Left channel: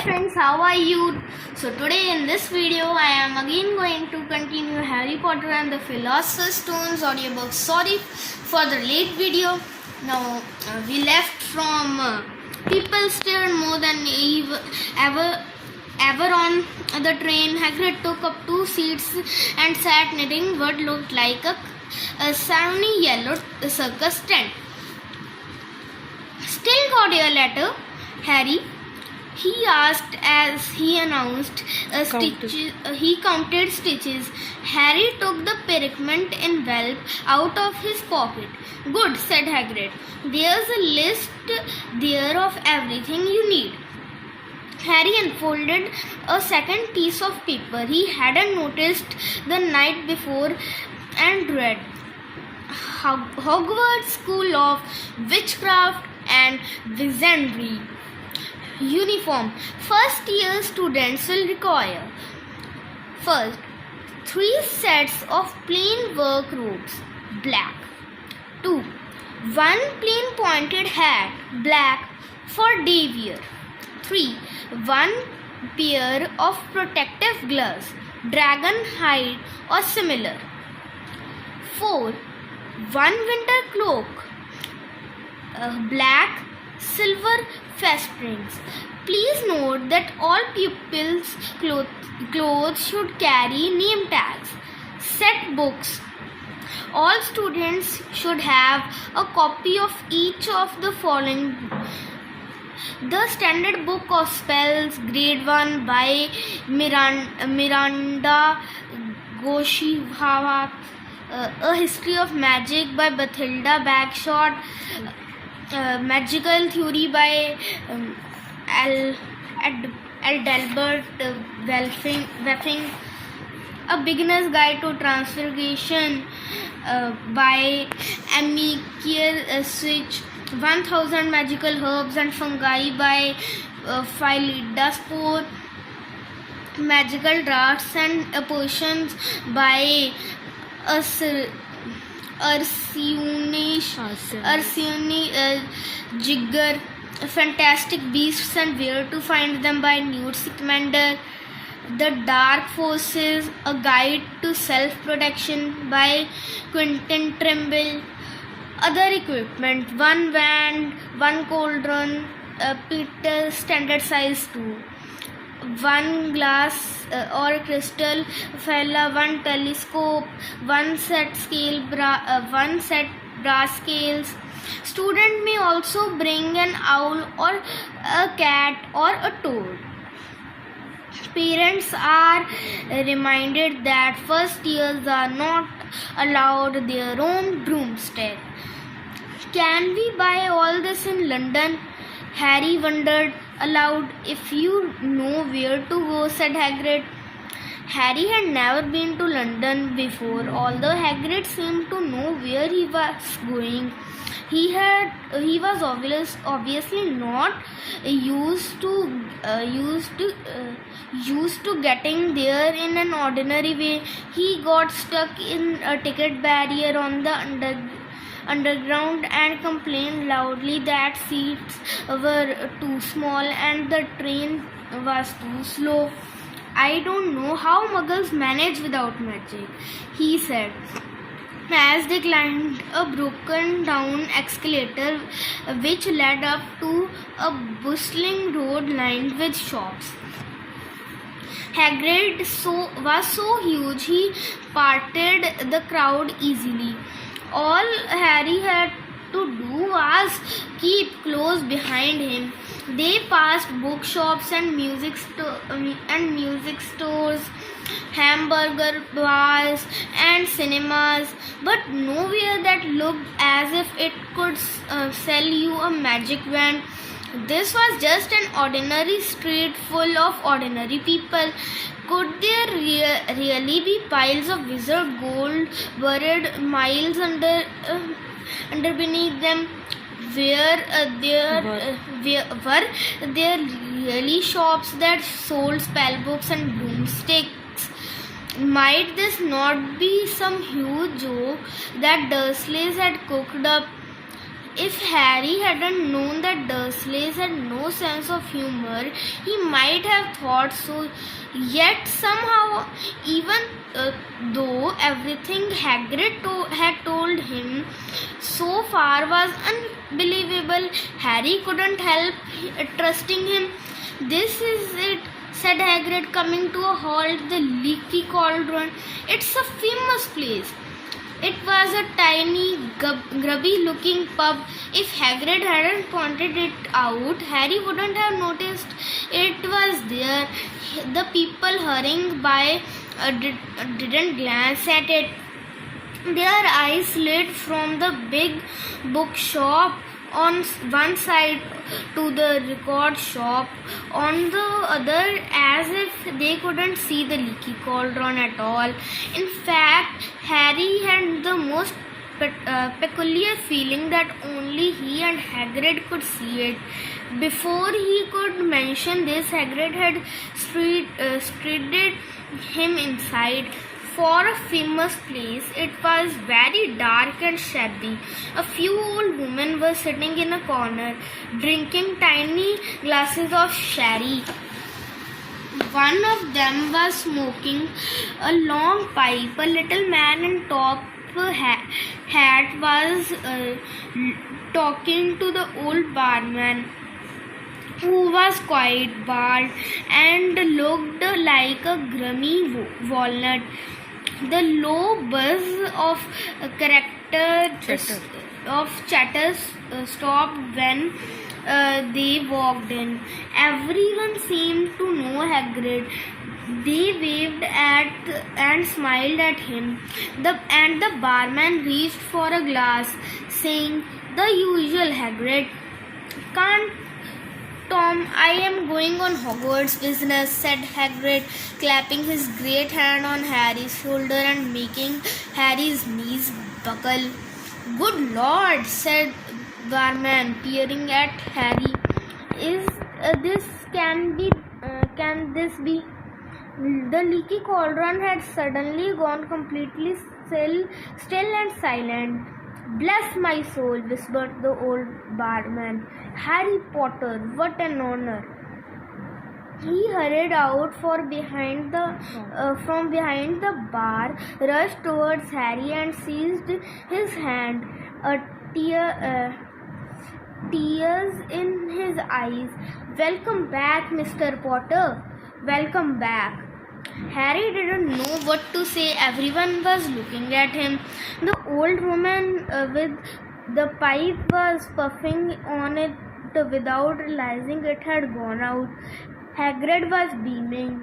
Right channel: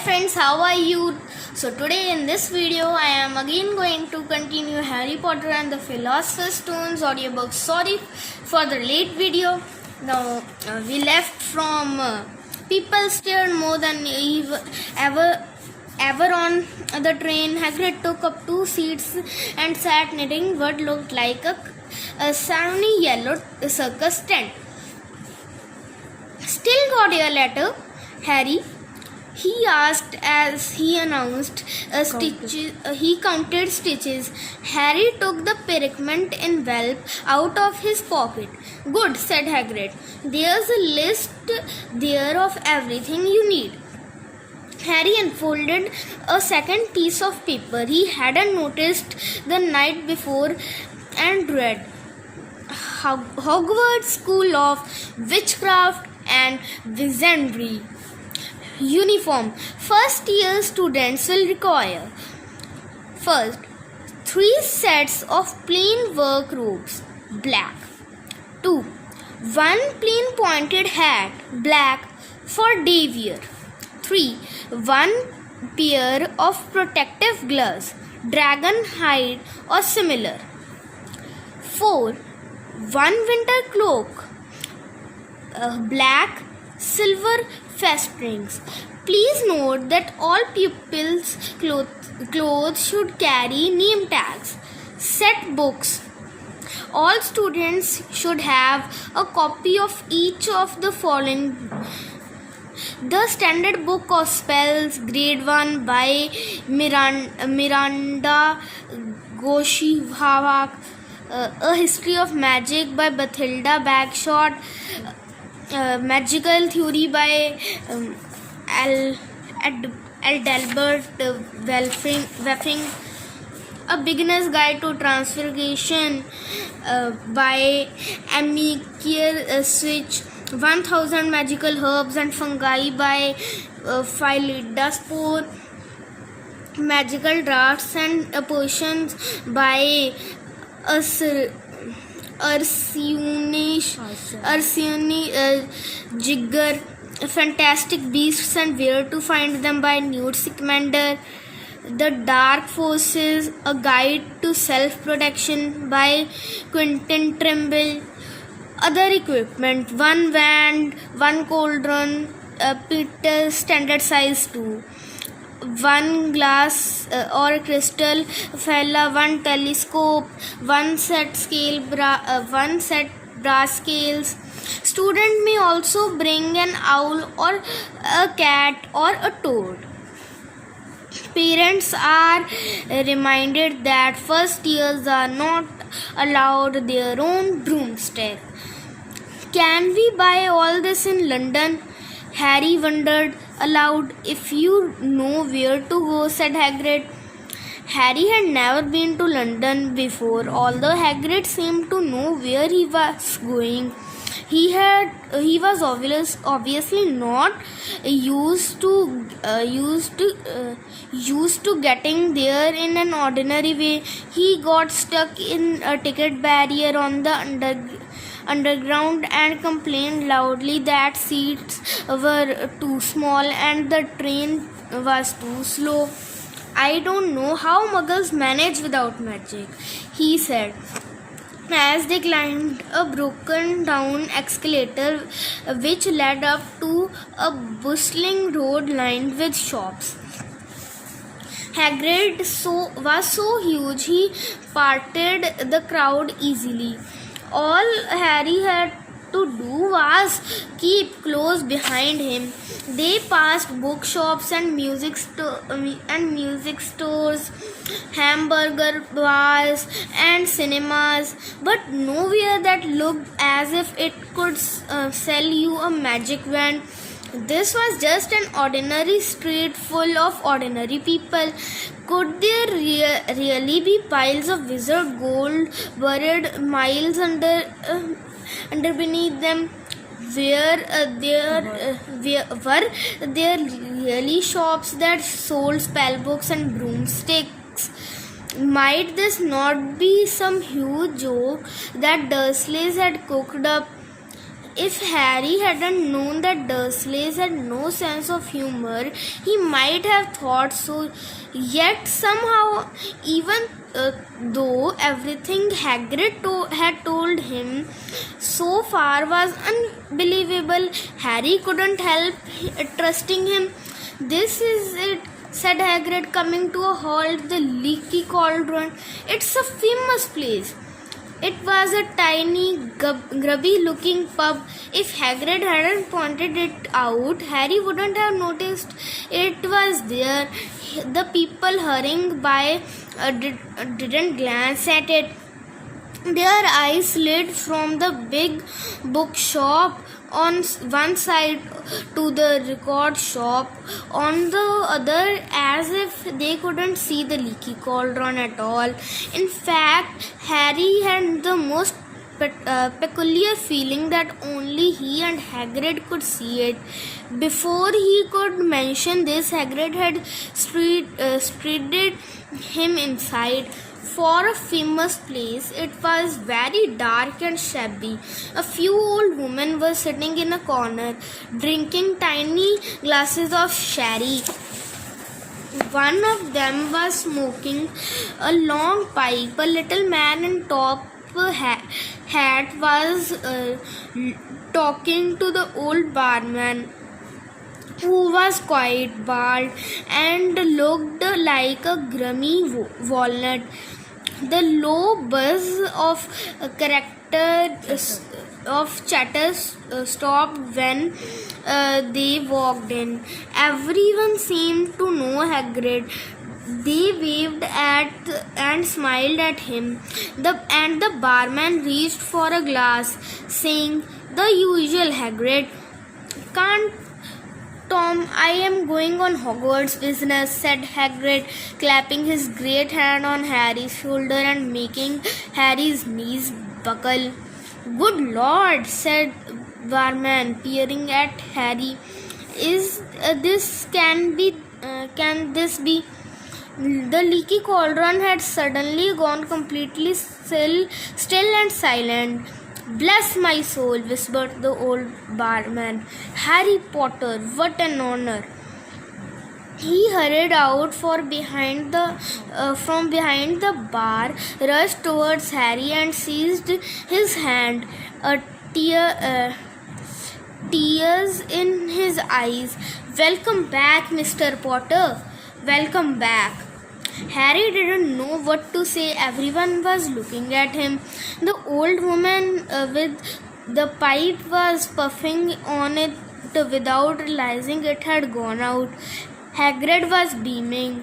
friends, how are you? So today in this video I am again going to continue Harry Potter and the Philosopher's Stones audiobook. Sorry for the late video. Now we left from people stared more than ever on the train. Hagrid took up 2 seats and sat knitting what looked like a shiny yellow circus tent. Still got your letter, Harry? He asked as he announced he counted stitches. Harry took the pergament envelope out of his pocket. Good, said Hagrid. There's a list there of everything you need. Harry unfolded a second piece of paper he hadn't noticed the night before and read. Hogwarts School of Witchcraft and Wizardry. Uniform. First year students will require first 3 sets of plain work robes, black. 2. 1 plain pointed hat, black, for day wear. 3. 1 pair of protective gloves, dragon hide or similar. 4. 1 winter cloak, black, silver fastenings. Please note that all pupils' clothes should carry name tags. Set books. All students should have a copy of each of the following: The Standard Book of Spells, Grade 1 by Miranda Goshihawak, A History of Magic by Bathilda Bagshot, Magical Theory by Adelbert Weffing, A Beginner's Guide to Transfiguration by Amikir Switch, 1000 Magical Herbs and Fungi by Philida Spore, Magical Drafts and Potions by Ursuni Jigger, Fantastic Beasts and Where to Find Them by Newt Scamander, The Dark Forces, A Guide to Self-Protection by Quentin Trimble. Other equipment: 1 wand, 1 cauldron, Peter standard size 2, 1 glass or crystal fella, 1 telescope, 1 set brass scales. Student may also bring an owl or a cat or a toad. Parents are reminded that first years are not allowed their own broomstick. Can we buy all this in London? Harry wondered aloud. If you know where to go, said Hagrid. Harry had never been to London before, although Hagrid seemed to know where he was going. He was obviously not used to getting there in an ordinary way. He got stuck in a ticket barrier on the underground and complained loudly that seats were too small and the train was too slow. I don't know how Muggles manage without magic, he said, as they climbed a broken down escalator which led up to a bustling road lined with shops. Hagrid was so huge he parted the crowd easily. All Harry had to do was keep close behind him. They passed bookshops and music stores, hamburger bars and cinemas, but nowhere that looked as if it could sell you a magic wand. This was just an ordinary street full of ordinary people. Could there really be piles of wizard gold buried miles under beneath them? Were there really shops that sold spellbooks and broomsticks? Might this not be some huge joke that Dursleys had cooked up? If Harry hadn't known that Dursleys had no sense of humor, he might have thought so. Yet somehow, even though everything Hagrid had told him so far was unbelievable, Harry couldn't help trusting him. "This is it," said Hagrid, coming to a halt. "The Leaky Cauldron. It's a famous place." It was a tiny, grubby-looking pub. If Hagrid hadn't pointed it out, Harry wouldn't have noticed it was there. The people hurrying by didn't glance at it. Their eyes lit from the big bookshop on one side to the record shop on the other, as if they couldn't see the Leaky Cauldron at all. In fact, Harry had the most peculiar feeling that only he and Hagrid could see it. Before he could mention this, Hagrid had straightened him inside. For a famous place, it was very dark and shabby. A few old women were sitting in a corner, drinking tiny glasses of sherry. One of them was smoking a long pipe. A little man in top hat was talking to the old barman, who was quite bald and looked like a grimy walnut. The low buzz of chatter stopped when they walked in. Everyone seemed to know Hagrid. They waved at and smiled at him. The barman reached for a glass, saying, "The usual, Hagrid." "Can't Tom, I am going on Hogwarts business," said Hagrid, clapping his great hand on Harry's shoulder and making Harry's knees buckle. "Good Lord," said barman, peering at Harry. Can this be?" The Leaky Cauldron had suddenly gone completely still and silent. "Bless my soul," whispered the old barman. "Harry Potter, what an honor." He hurried out from behind the bar, rushed towards Harry and seized his hand, tears in his eyes. "Welcome back, Mr. Potter. Welcome back." Harry didn't know what to say. Everyone was looking at him. The old woman with the pipe was puffing on it without realizing it had gone out. Hagrid was beaming.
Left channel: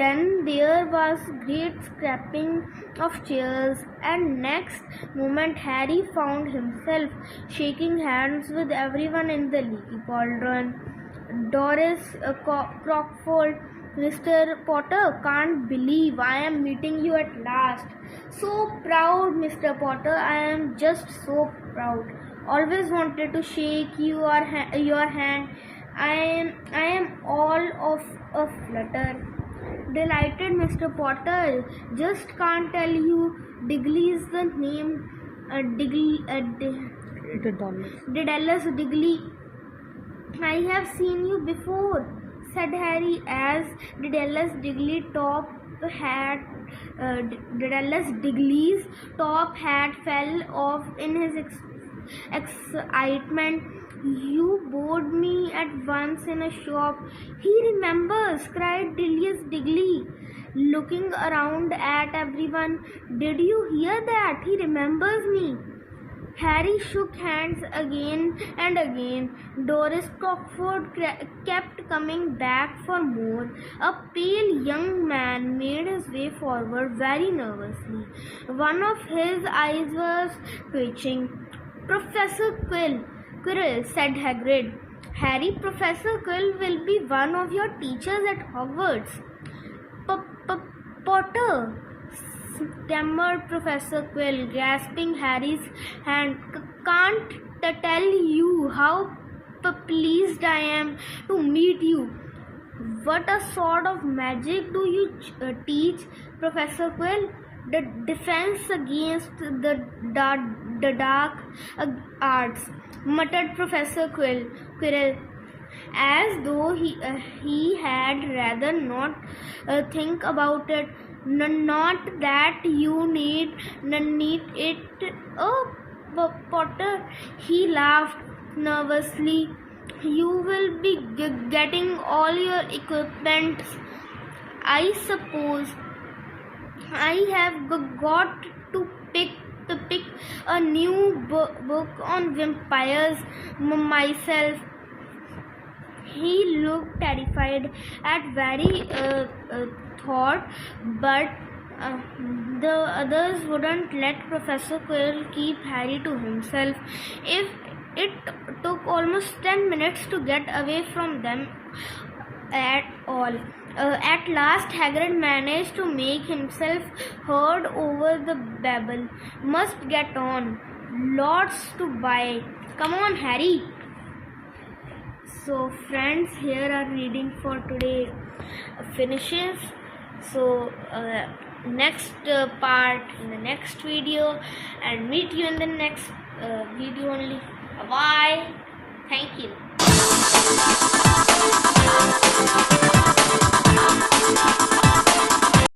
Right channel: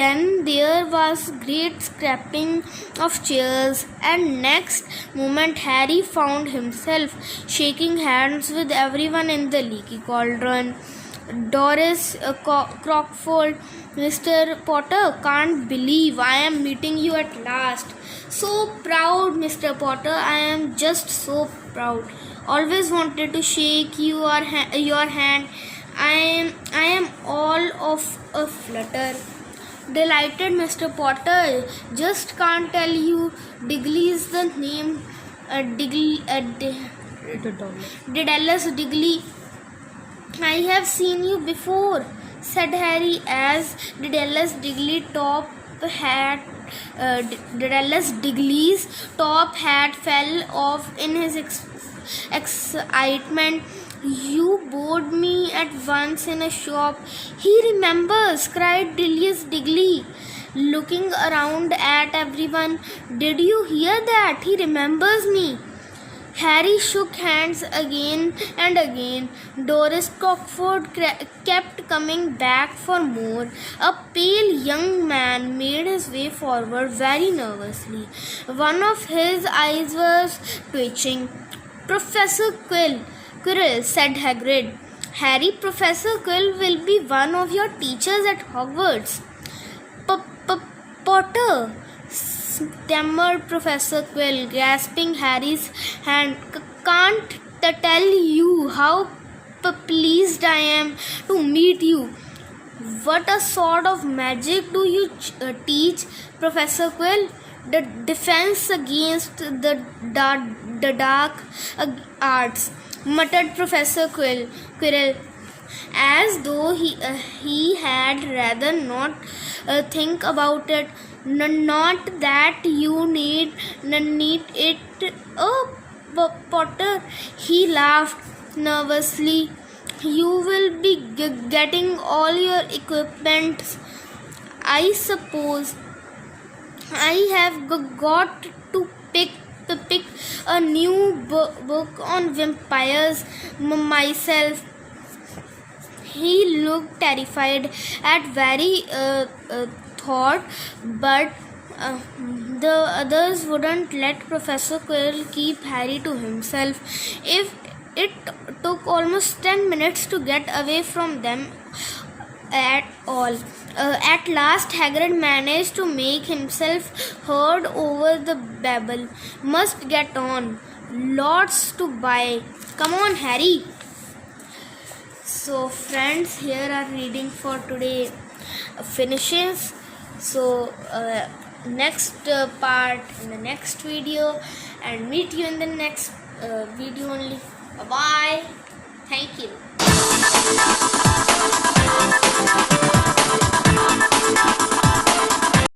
Then there was great scraping of chairs, and next moment Harry found himself shaking hands with everyone in the Leaky Cauldron. "Doris Crockford, Mr. Potter, can't believe I am meeting you at last. So proud, Mr. Potter. I am just so proud. Always wanted to shake your hand. I am all of a flutter." "Delighted, Mr. Potter. Just can't tell you. Digley's the name. Dedalus Digley. I have seen you before," said Harry, as Dedalus Digley's top hat fell off in his excitement. "You bored me at once in a shop." "He remembers," cried Dedalus Digley, looking around at everyone. "Did you hear that? He remembers me." Harry shook hands again and again. Doris Crockford kept coming back for more. A pale young man made his way forward very nervously. One of his eyes was twitching. "Professor Quirrell," said Hagrid. "Harry, Professor Quirrell will be one of your teachers at Hogwarts." "Potter," stammered Professor Quirrell, grasping Harry's hand. "Can't tell you how pleased I am to meet you." "What a sort of magic do you teach, Professor Quirrell?" "The defense against the dark arts." muttered Professor Quirrell, as though he had rather not think about it. Not that you need it. Oh, Potter, he laughed nervously. You will be getting all your equipment, I suppose. I have got to pick a new book on vampires myself. He looked terrified at very thought, but the others wouldn't let Professor Quirrell keep Harry to himself. If it took almost 10 minutes to get away from them at all. At last, Hagrid managed to make himself heard over the babble. Must get on. Lots to buy. Come on, Harry. So, friends, here our reading for today finishes. So, next part in the next video, and meet you in the next video only. Bye. Thank you.